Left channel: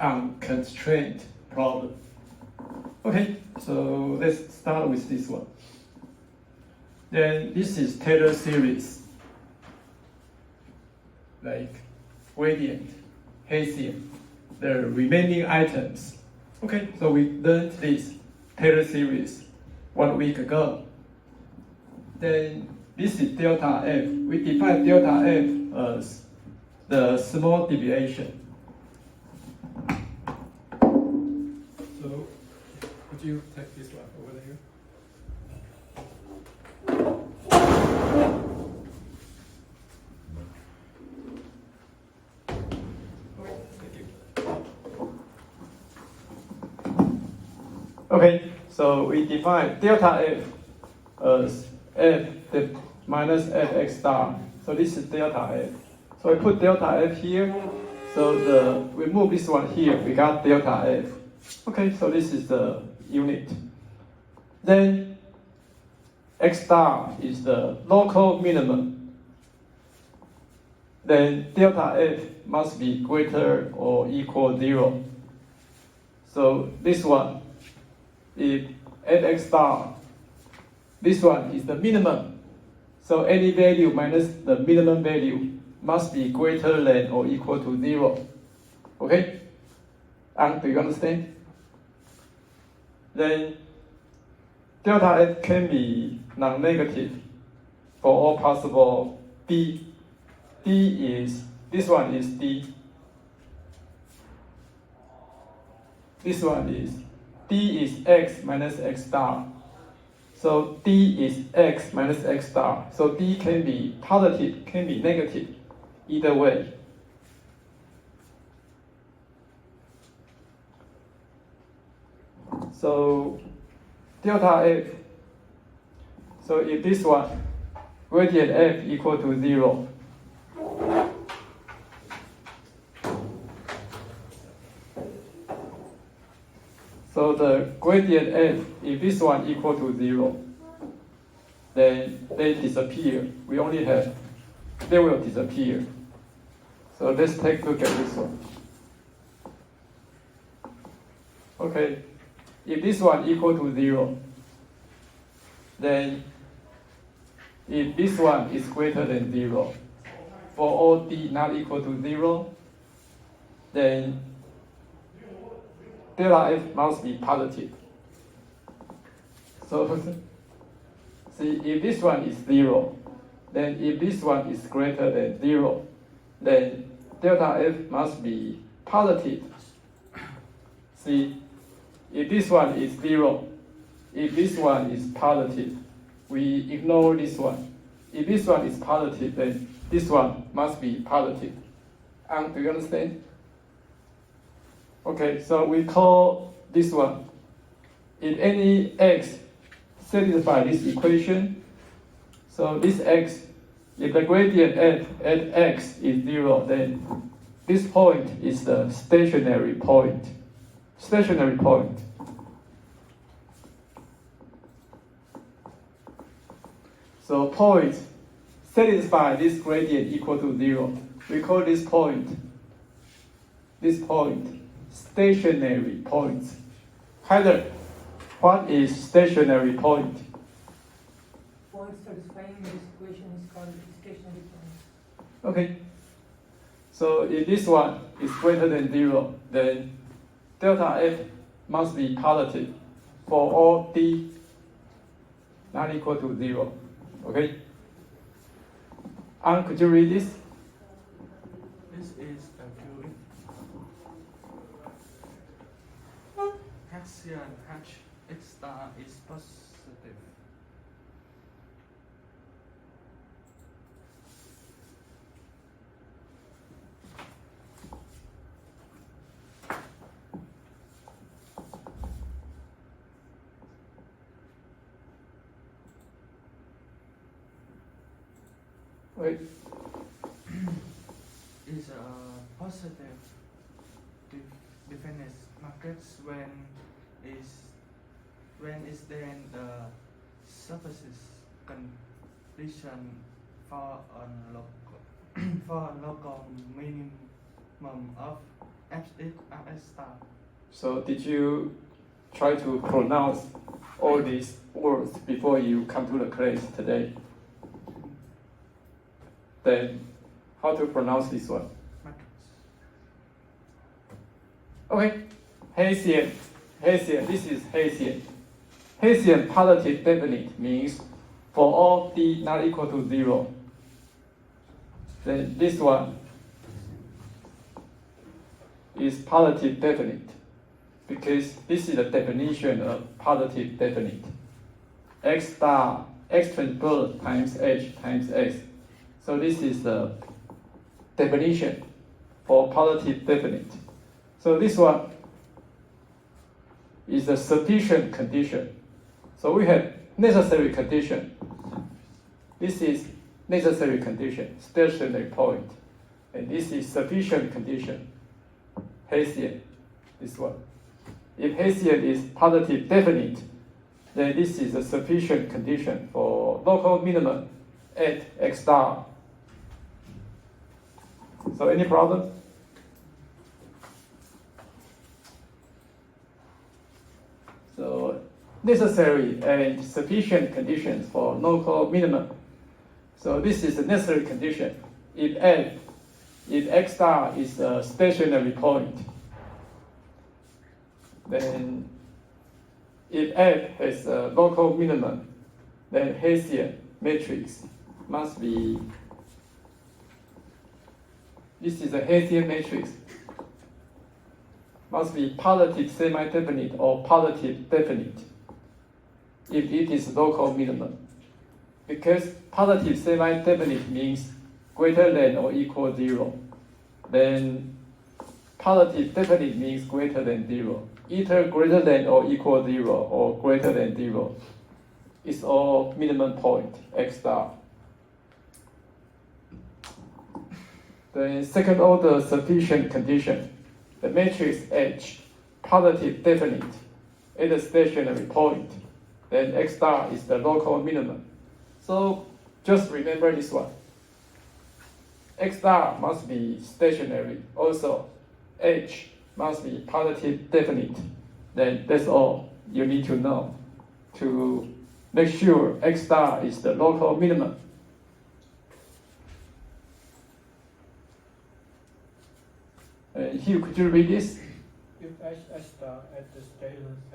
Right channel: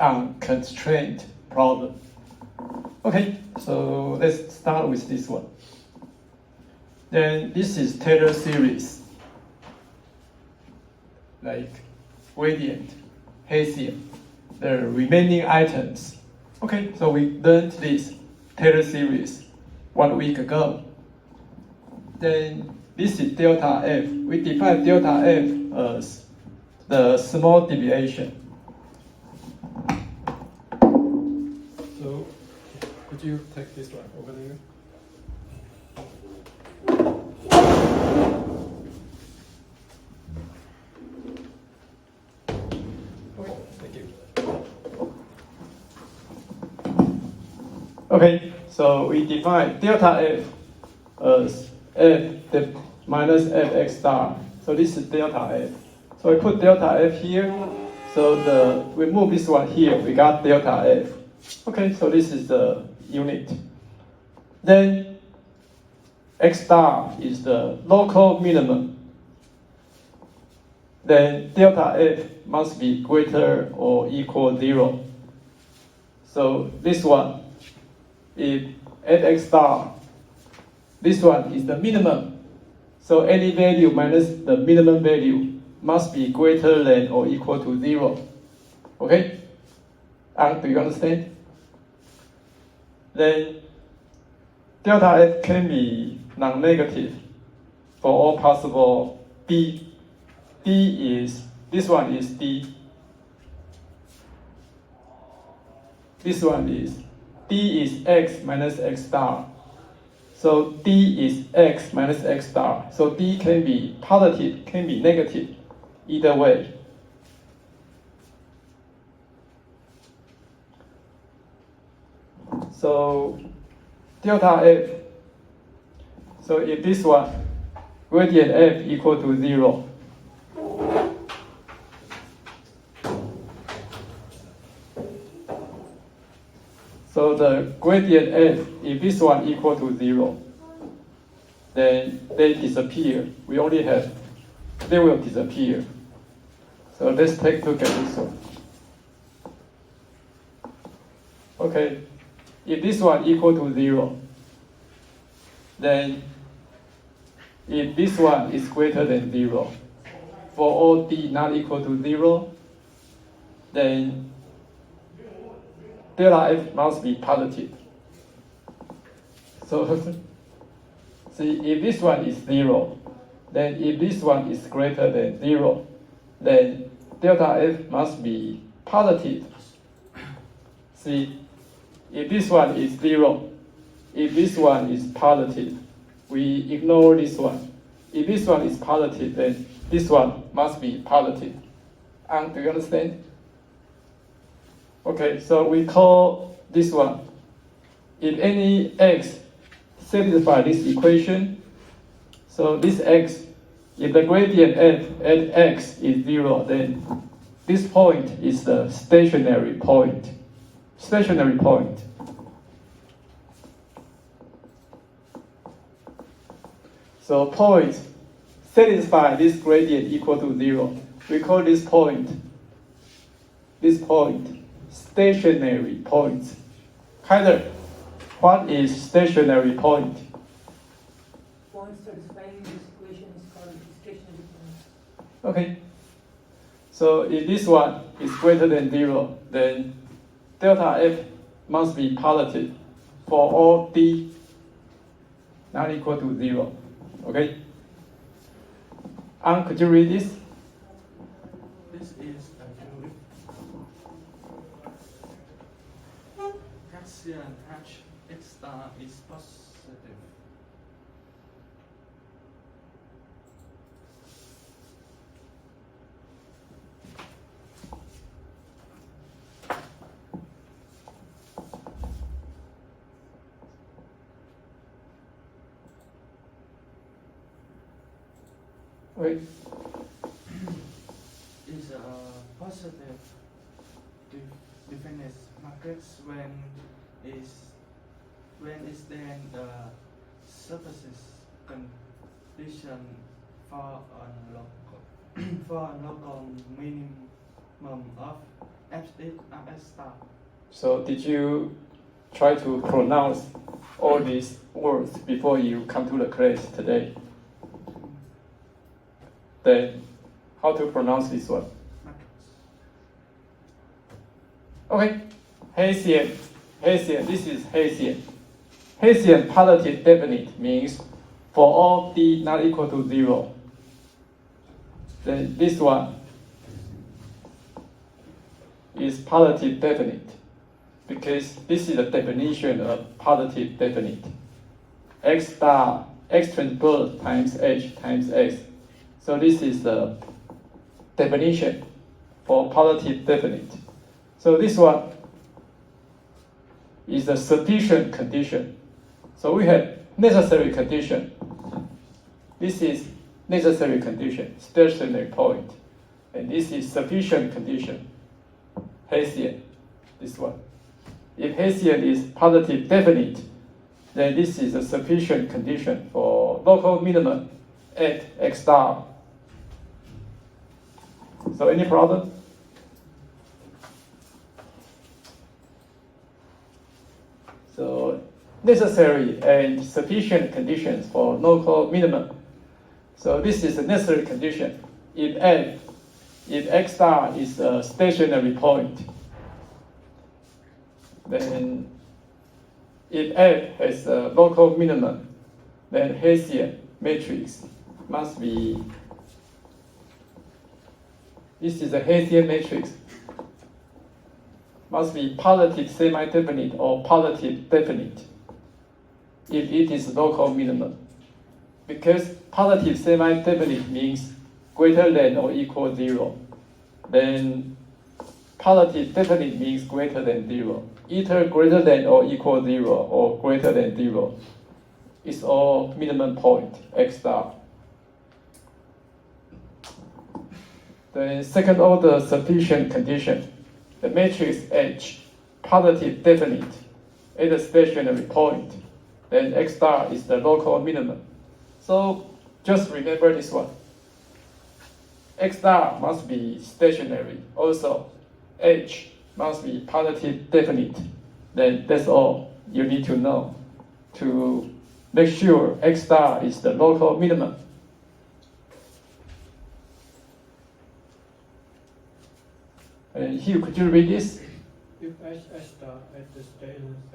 unconstrained problem. Okay, so let's start with this one. Then this is Taylor series, like gradient, Hessian, the remaining items. Okay, so we learned this Taylor series 1 week ago. Then this is delta F. We define delta F as the small deviation. So would you take this one over there? Okay, so we define delta F as F minus Fx star. So this is delta F. So I put delta F here. So we move this one here, we got delta F. Okay, so this is the unit. Then X star is the local minimum. Then delta F must be greater or equal 0. So this one, if Fx star, this one is the minimum. So any value minus the minimum value must be greater than or equal to 0. Okay? Do you understand? Then delta F can be non-negative for all possible B. D is, this one is D. This one is, D is X minus X star. So D is X minus X star. So D can be positive, can be negative, either way. So delta F, so if this one, gradient F equal to 0, so the gradient F, if this one equal to 0, then they disappear. We only have, they will disappear. So let's take a look at this one. Okay, if this one equal to 0, then if this one is greater than 0, for all D not equal to 0, then delta F must be positive. So, see, if this one is 0, then if this one is greater than 0, then delta F must be positive. See, if this one is 0, if this one is positive, we ignore this one. If this one is positive, then this one must be positive. Do you understand? Okay, so we call this one, if any x satisfy this equation, so this x, if the gradient f at x is 0, then this point is the stationary point. Stationary point. So points satisfy this gradient equal to 0. We call this point stationary point. Kyler, what is stationary point? Point satisfying this equation is called stationary point. Okay. So if this one is greater than 0, then delta F must be positive for all D not equal to 0. Okay? Could you read this? This is the fluid. Hessian H X star is positive. Wait. Is positive definite matrix when is then the surfaces condition for a local for a local minimum of F star. So did you try to pronounce all these words before you come to the class today? Then how to pronounce this one? Matrix. Okay, Hessian. Hessian, this is Hessian. Hessian positive definite means for all d not equal to 0. Then this one is positive definite because this is the definition of positive definite. X star, x transpose times h times x. So this is the definition for positive definite. So this one is the sufficient condition. So we have necessary condition. This is necessary condition, stationary point. And this is sufficient condition, Hessian, this one. If Hessian is positive definite, then this is a sufficient condition for local minimum at x star. So any problem? So necessary and sufficient conditions for local minimum. So this is a necessary condition. If x star is a stationary point, then if f has a local minimum, then Hessian matrix must be, this is a Hessian matrix, must be positive semi-definite or positive definite if it is local minimum. Because positive semi-definite means greater than or equal 0. Then positive definite means greater than 0. Either greater than or equal 0 or greater than 0 is all minimum point, x star. The second order sufficient condition, the matrix H, positive definite at a stationary point, then x star is the local minimum. So just remember this one. X star must be stationary. Also, H must be positive definite. Then that's all you need to know to make sure x star is the local minimum. And here, could you read this? If S star at the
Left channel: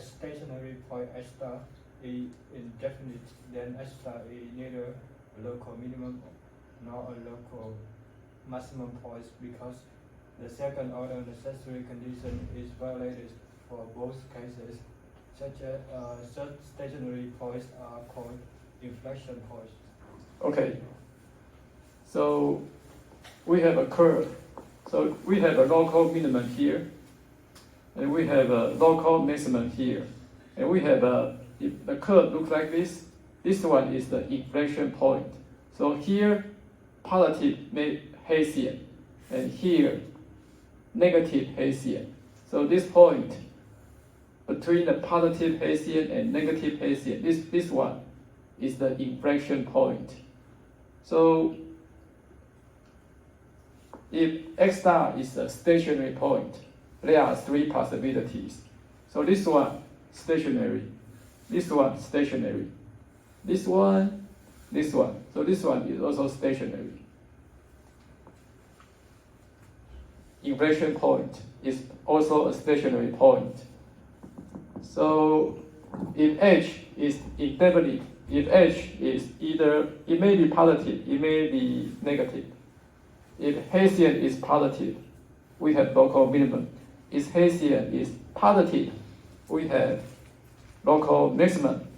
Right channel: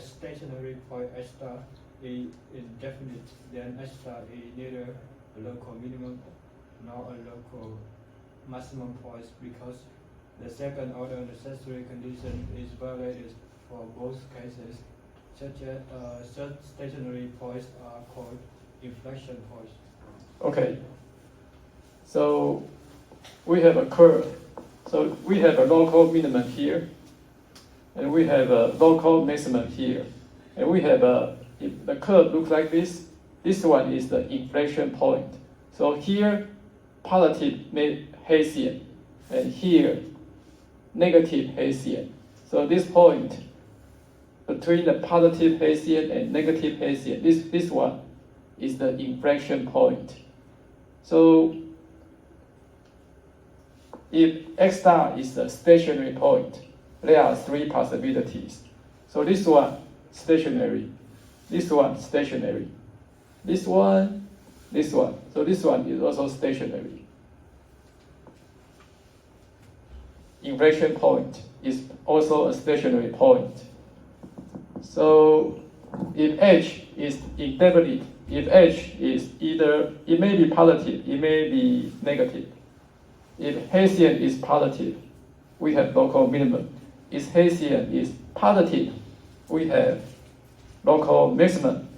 stationary point S star is indefinite, then S star is neither a local minimum nor a local maximum point because the second order necessary condition is violated for both cases. Such stationary points are called inflection points. Okay. So we have a curve. So we have a local minimum here, and we have a local maximum here, and we have if the curve looks like this. This one is the inflection point. So here, positive Hessian, and here, negative Hessian. So this point between the positive Hessian and negative Hessian, this one is the inflection point. So if x star is a stationary point, there are three possibilities. So this one, stationary. This one, stationary. This one, this one. So this one is also stationary. Inflection point is also a stationary point. So if H is indefinite, if H is either, it may be positive, it may be negative. If Hessian is positive, we have local minimum. If Hessian is positive, we have local maximum.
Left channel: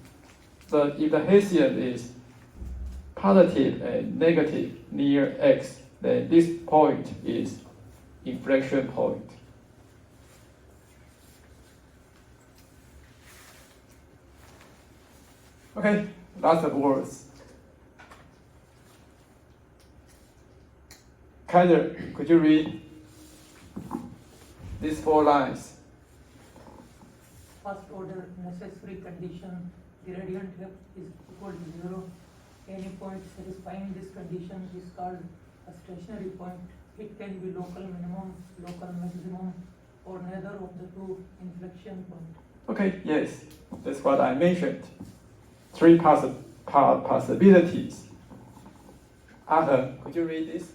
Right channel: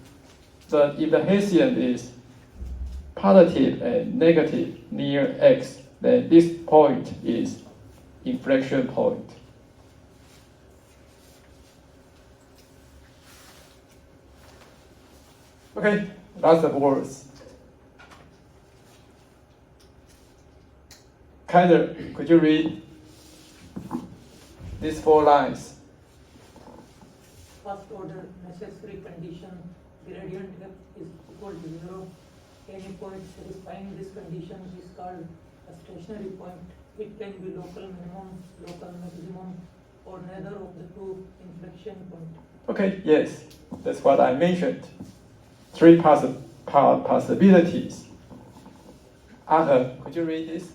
But if the Hessian is positive and negative near x, then this point is inflection point. Okay, lots of words. Kyler, could you read these 4 lines? First order necessary condition, gradient f is equal to 0. Any point satisfying this condition is called a stationary point it can be local minimum, local maximum, or neither of the two inflection points. Okay, yes, that's what I mentioned. Three possibilities. Arthur, could you read this?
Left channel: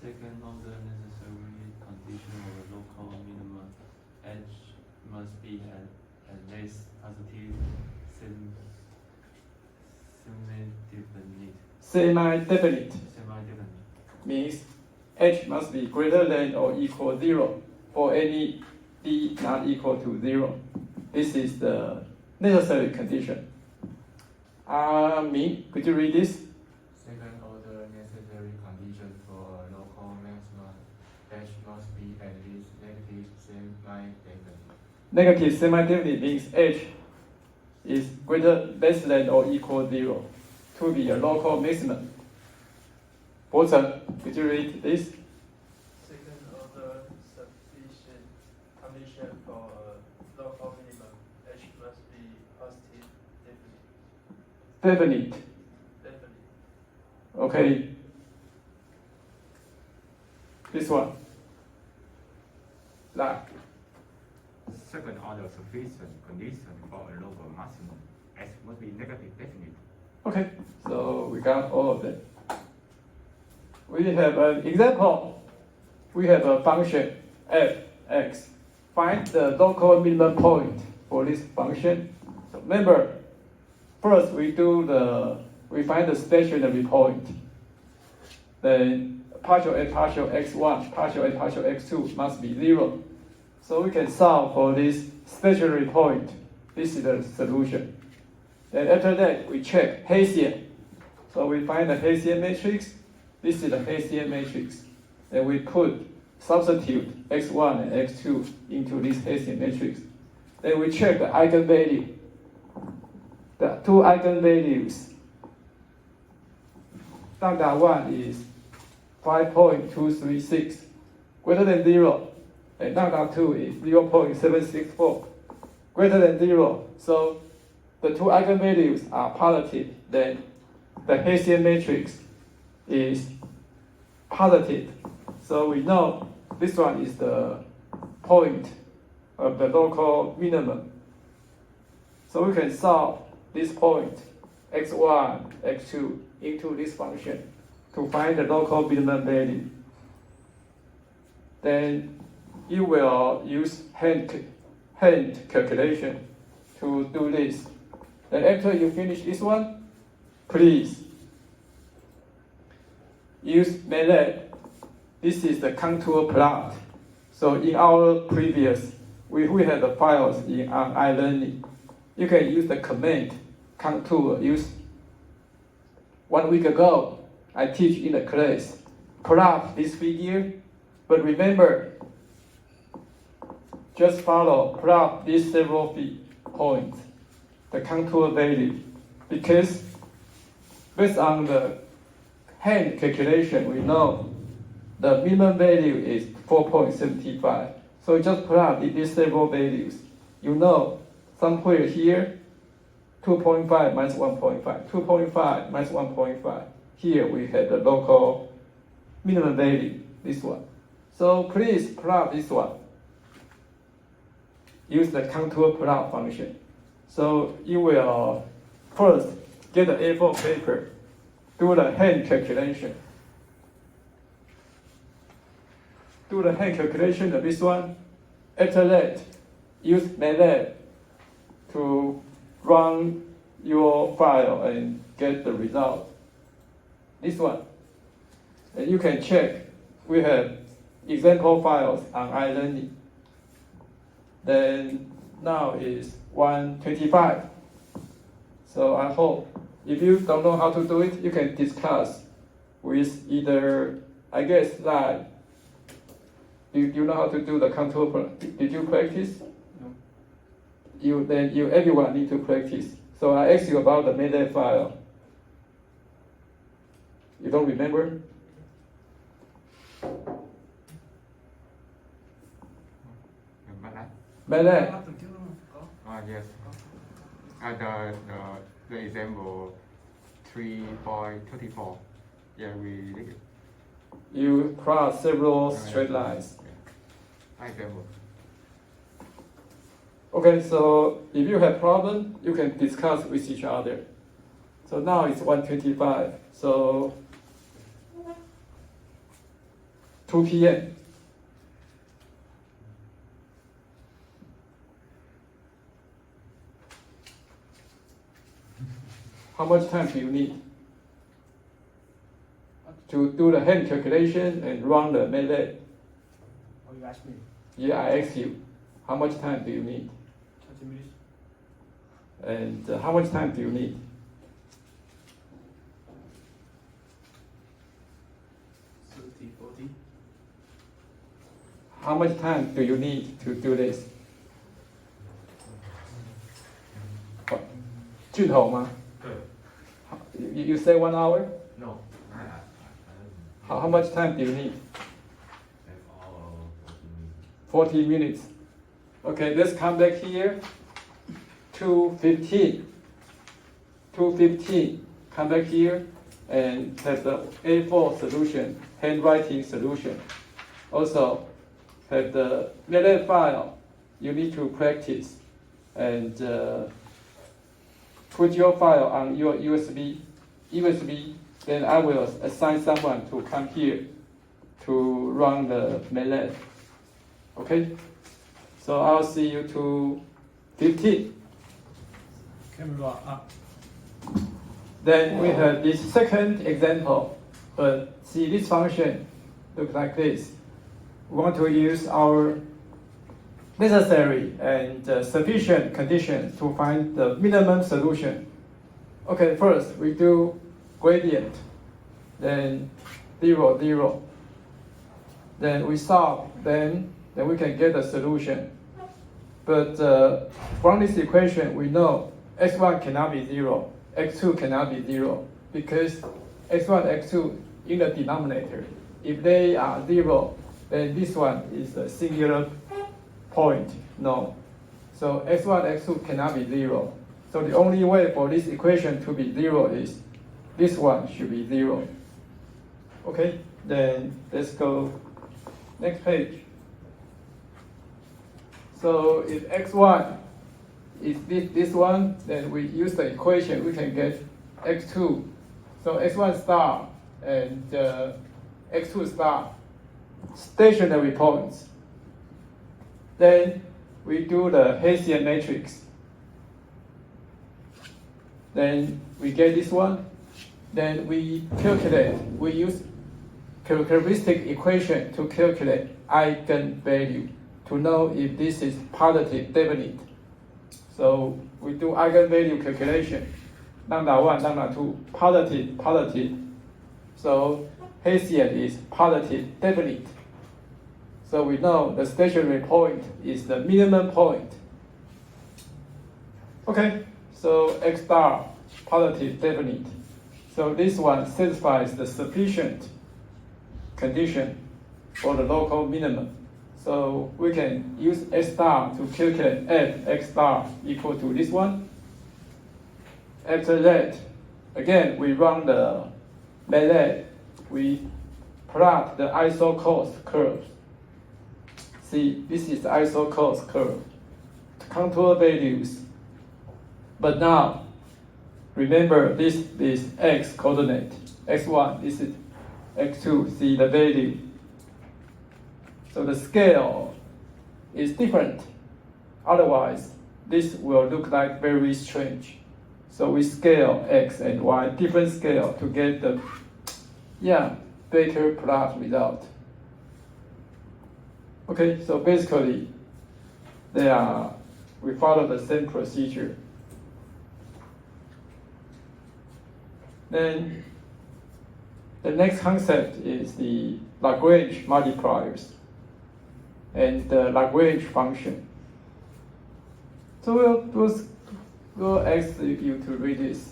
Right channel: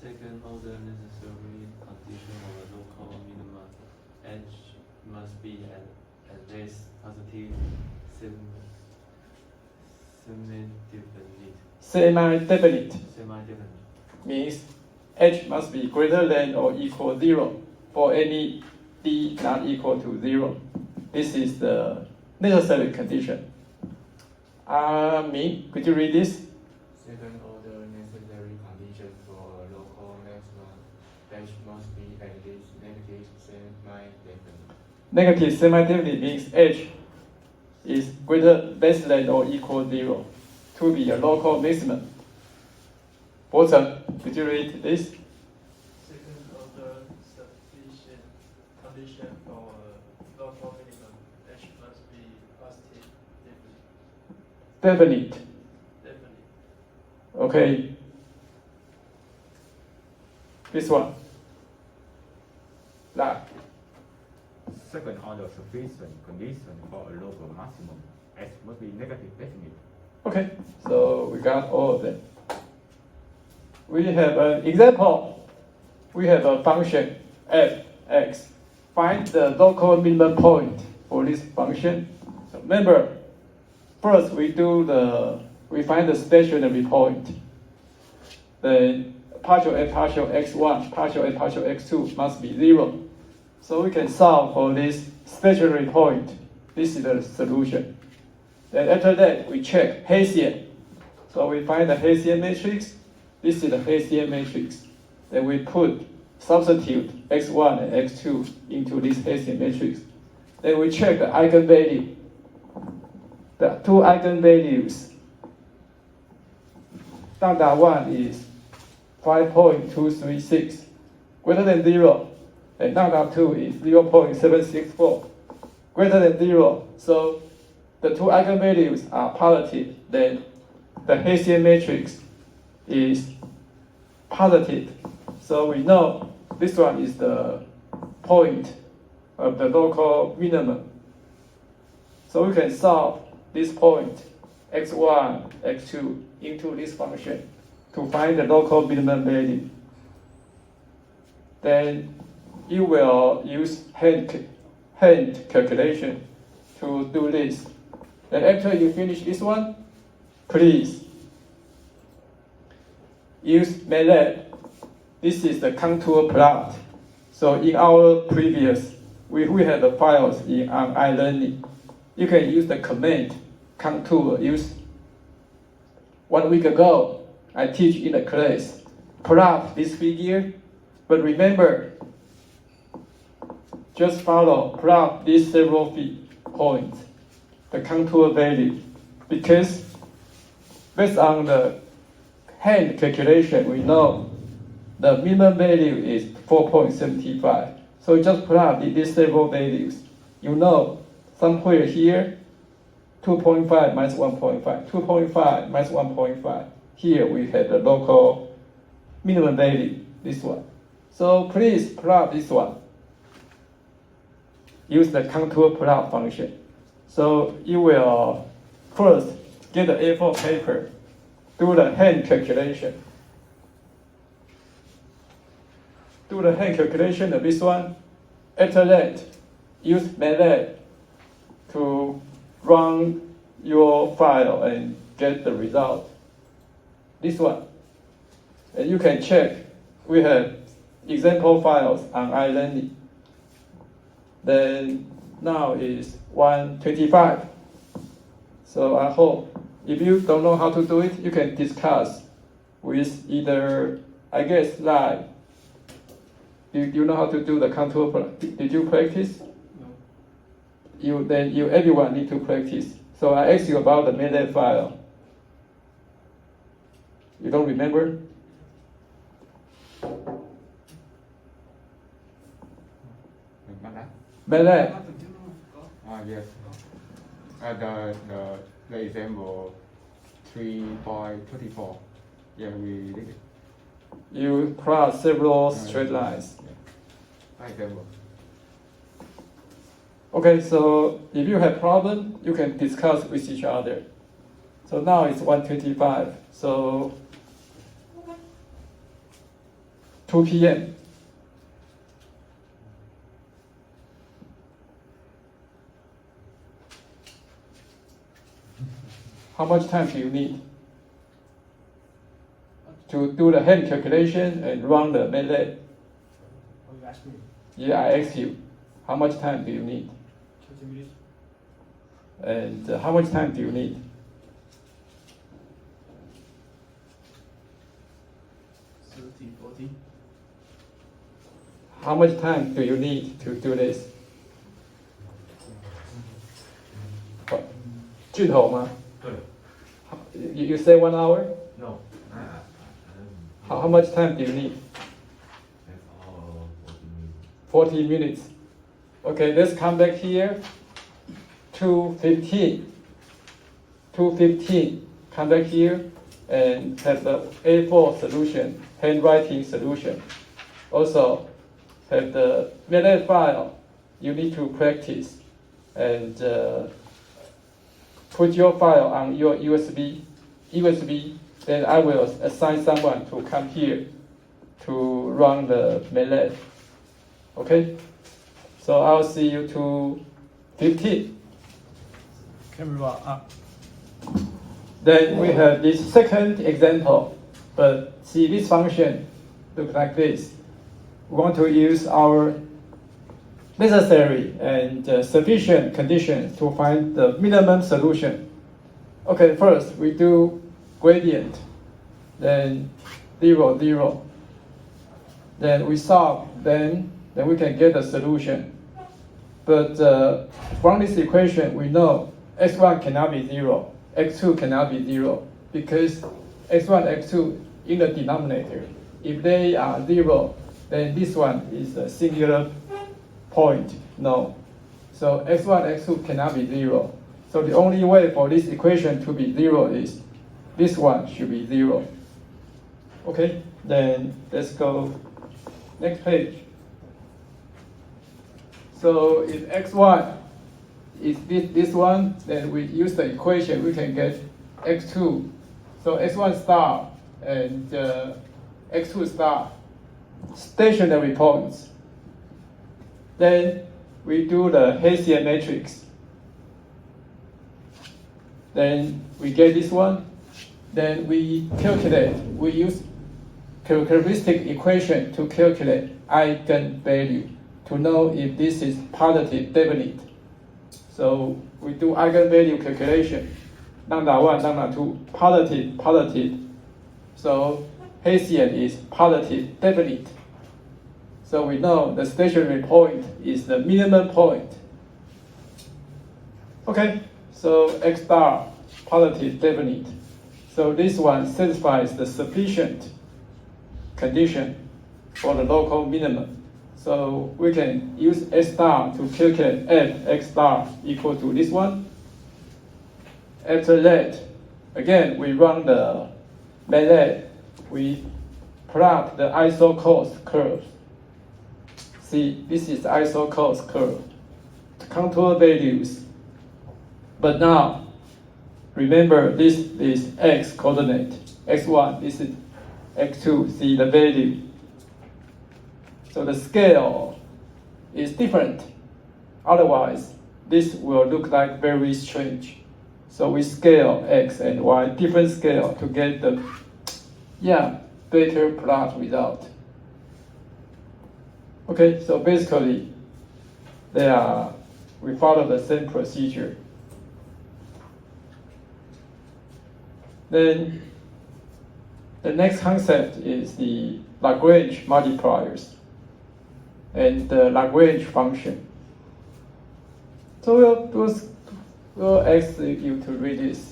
Second order necessary condition of the local minimum h must be at least positive Semi-definite semi-definite. means h must be greater than or equal 0 for any d not equal to 0. This is the necessary condition. Me, could you read this? Second order necessary condition for a local maximum h must be at least negative semi-definite. Negative semi-definite means h is less than or equal 0 to be a local maximum. Walter, could you read this? Second order sufficient condition for local minimum h must be positive Definite. definite. Okay. This one. Now, Second order sufficient condition for a local maximum h must be negative definite. okay, so we got all of them. We have an example. We have a function f(x). Find the local minimum point for this function. So remember, first we find the stationary point. Then partial f partial x1, partial f partial x2 must be 0. So we can solve for this stationary point. This is the solution. Then after that, we check Hessian. So we find the Hessian matrix. This is the Hessian matrix. Then we substitute x1 and x2 into this Hessian matrix. Then we check the eigenvalue. The two eigenvalues. Lambda 1 is 5.236, greater than 0. And lambda 2 is 0.764, greater than 0. So the two eigenvalues are positive. Then the Hessian matrix is positive. So we know this one is the point of the local minimum. So we can solve this point x1, x2 into this function to find the local minimum value. Then you will use hand calculation to do this. Then after you finish this one, please use MATLAB. This is the contour plot. So in our previous, we have the files on iLearning. You can use the command contour. Use 1 week ago, I teach in a class. Plot this figure, but remember, just plot these several points, the contour value, because based on the hand calculation, we know the minimum value is 4.75. So just plot these several values. You know, somewhere here, 2.5 minus 1.5, 2.5 minus 1.5. Here we have the local minimum value, this one. So please plot this one. Use the contour plot function. So you will first get an A4 paper, do the hand calculation. Do the hand calculation of this one. After that, use MATLAB to run your file and get the result. This one. And you can check. We have example files on iLearning. Then now is 1:25. So I hope if you don't know how to do it, you can discuss with either, I guess, live. You know how to do the contour plot? Did you practice? No. Everyone need to practice. So I asked you about the MATLAB file. You don't remember? MATLAB. Yes. The example 3.34. Yeah, we did it. you plot several straight lines. High level. Okay, so if you have problem, you can discuss with each other. So now it's 1:25, so 2 p.m. How much time do you need to do the hand calculation and run the MATLAB? Oh, you asked me. Yeah, I asked you, how much time do you need? 30 minutes. And how much time do you need? 30, 40. How much time do you need to do this? 剧透吗？ You say 1 hour? No. How much time do you need? 40 minutes. Okay, let's come back here. 2:15. 2:15. Come back here and have the A4 solution, handwriting solution. Also, have the MATLAB file. You need to practice and put your file on your USB. Then I will assign someone to come here to run the MATLAB. Okay? So I'll see you 2:15. Camera up. Then we have this second example. But see, this function looks like this. We want to use our necessary and sufficient conditions to find the minimum solution. Okay, first we do gradient, then 0, 0. Then we solve, then we can get a solution. But from this equation, we know x1 cannot be 0, x2 cannot be 0, because x1, x2 in the denominator, if they are 0, then this one is a singular point, no. So x1, x2 cannot be 0. So the only way for this equation to be 0 is this one should be 0. Okay, then let's go next page. So if x1 is this one, then we use the equation, we can get x2. So x1 star and x2 star, stationary points. Then we do the Hessian matrix. Then we get this one. Then we calculate, we use characteristic equation to calculate eigenvalue to know if this is positive definite. So we do eigenvalue calculation. Lambda 1, lambda 2, positive, positive. So Hessian is positive definite. So we know the stationary point is the minimum point. Okay, so x star, positive definite. So this one satisfies the sufficient condition for the local minimum. So we can use x star to calculate f x star equal to this one. After that, again, we run the MATLAB. We plot the isocos curve. See, this is the isocos curve. Contour values. But now, remember this is x coordinate. x1, this is x2, see the value. So the scale is different. Otherwise, this will look like very strange. So we scale x and y, different scale to get the, better plot result. Okay, so basically, we follow the same procedure. Then the next concept is the Lagrange multipliers and the Lagrange function. So we'll ask you to read this.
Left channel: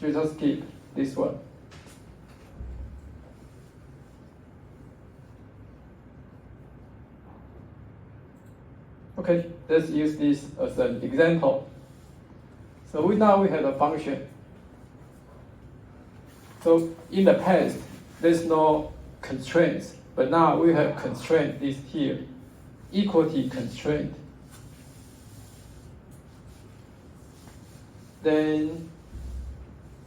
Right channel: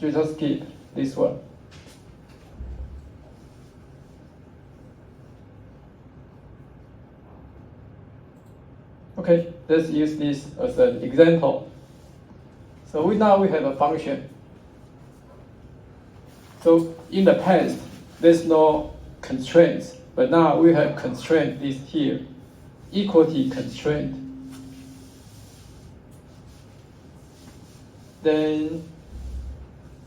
You just skip this one. Okay, let's use this as an example. So now we have a function So in the past, there's no constraints, but now we have constraint this here, equality constraint. Then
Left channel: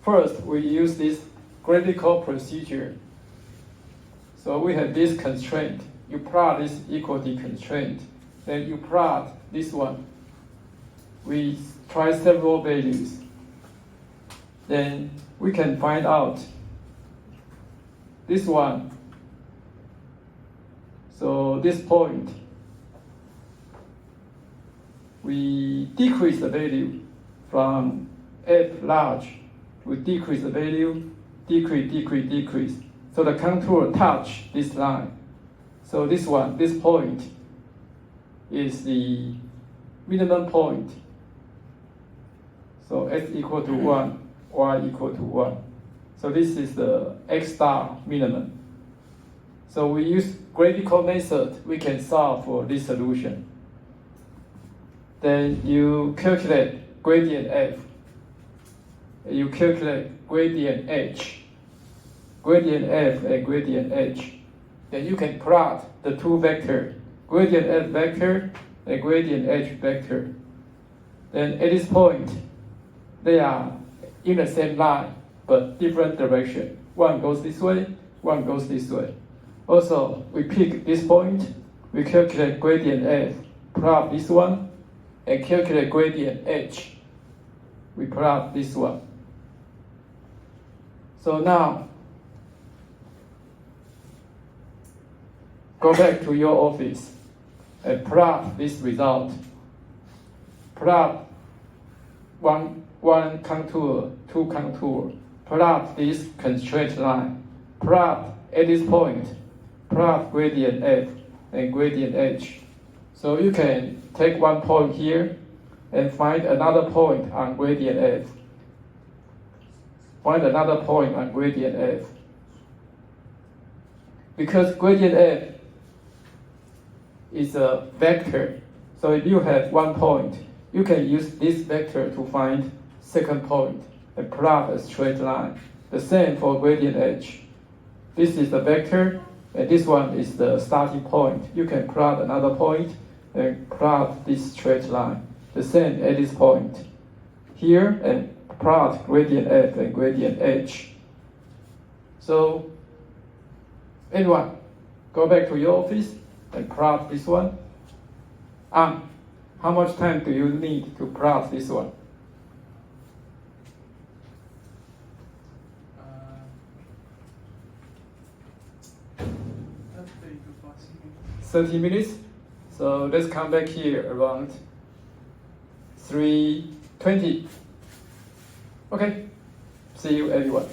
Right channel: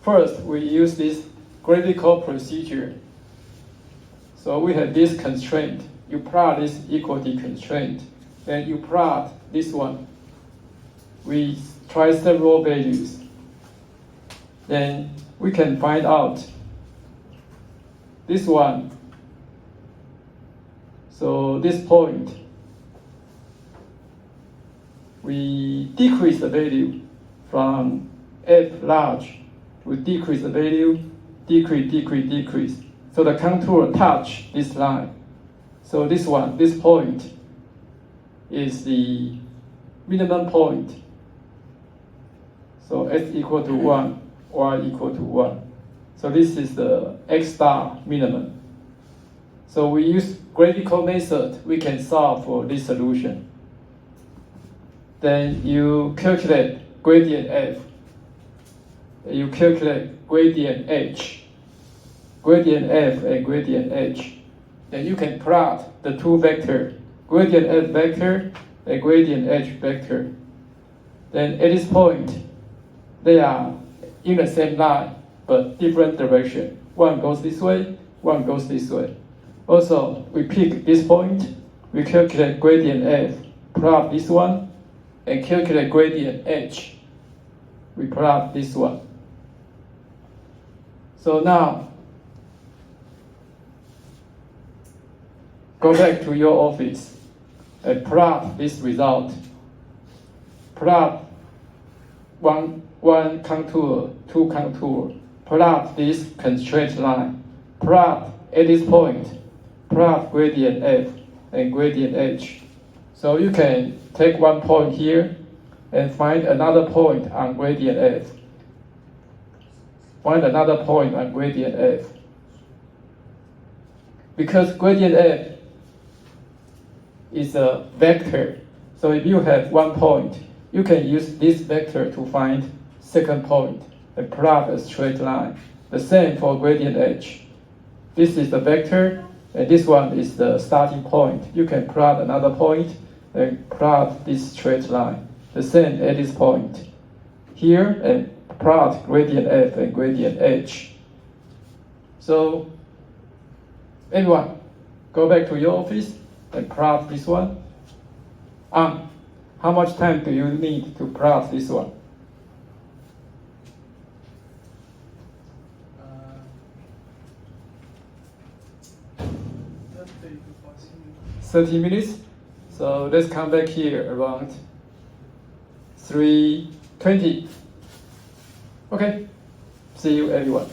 first we use this graphical procedure. So we have this constraint. You plot this equality constraint, then you plot this one. We try several values. Then we can find out this one. So this point, we decrease the value from f large. We decrease the value, decrease. So the contour touch this line. So this one, this point is the minimum point. So x equal to 1, y equal to 1. So this is the x star minimum. So we use graphical method, we can solve for this solution. Then you calculate gradient f. You calculate gradient h. Gradient f and gradient h. Then you can plot the two vectors, gradient f vector and gradient h vector. Then at this point, they are in the same line, but different direction. One goes this way, one goes this way. Also, we pick this point, we calculate gradient f, plot this one, and calculate gradient h. We plot this one. So now, go back to your office and plot this result. Plot one contour, two contour. Plot this constraint line. Plot at this point. Plot gradient f and gradient h. So you can take one point here and find another point on gradient f. Find another point on gradient f. Because gradient f is a vector, so if you have one point, you can use this vector to find second point and plot a straight line. The same for gradient h. This is the vector, and this one is the starting point. You can plot another point and plot this straight line. The same at this point. Here, and plot gradient f and gradient h. So, everyone, go back to your office and plot this one. How much time do you need to plot this one? 30 minutes. So let's come back here around 3:20. Okay. See you everyone.